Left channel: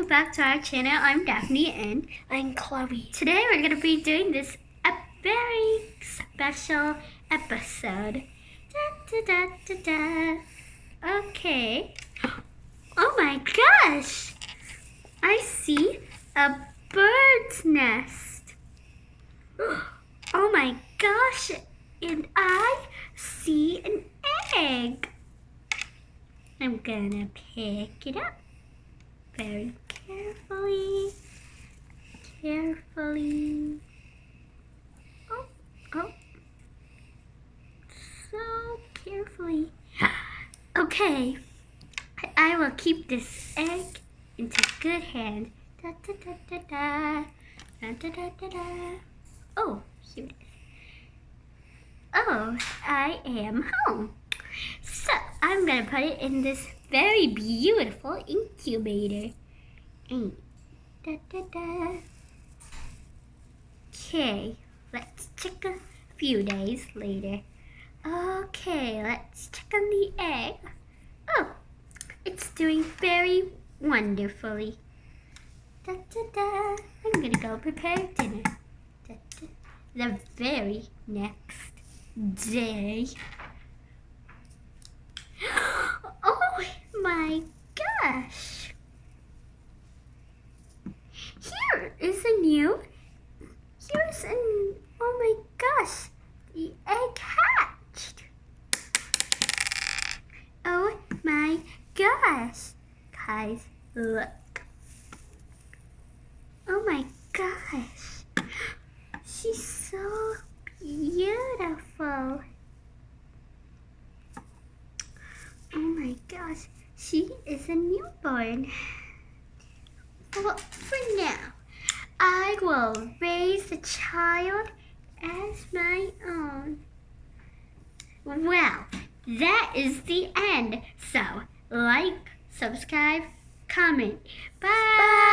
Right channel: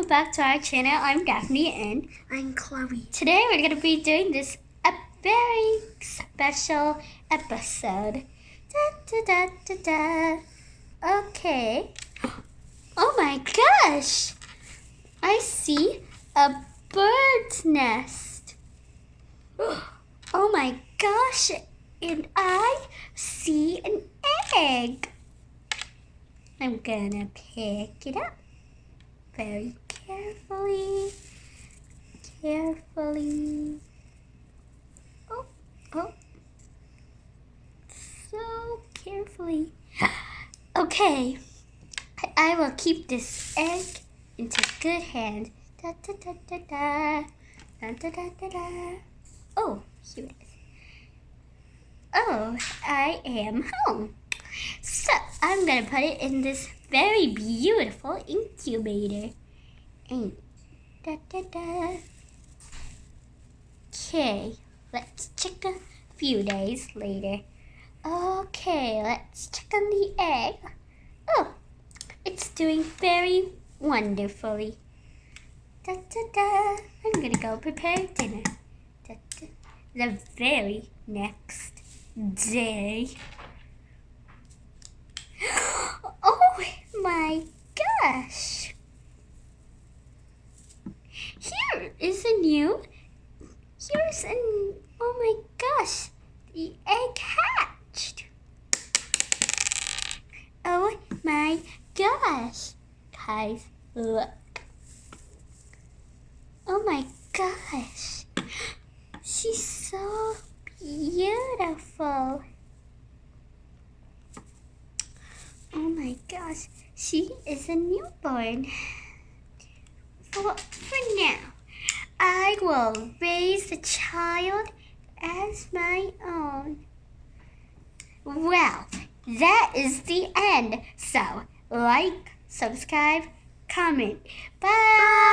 welcome back to our channel. I'm Daphne and I'm Chloe. Today we're going to be doing this a very special episode. Da, da, da, da, da. Okay. Oh my gosh! I see a bird's nest. Oh my gosh! And I see an egg. I'm gonna pick it up very carefully. Oh. So carefully. Okay. I will keep this egg into good hands. Da, da, da, da, da. Da, da, da, da, da. Oh, here it is. Oh, I am home. So, I'm going to put it in this very beautiful incubator. And da, da, da. Okay, let's check a few days later. Okay, let's check on the egg. Oh, it's doing very wonderfully. Da, da, da. I'm going to go prepare dinner. Da, da. The very next day. Oh my gosh! Oh my gosh, the egg hatched. Oh my gosh, guys, look. Oh my gosh, she's so beautiful. Oh my gosh, she is a newborn. For now, I will raise the child as my own. Well, that is the end. So, like, subscribe, comment. Bye!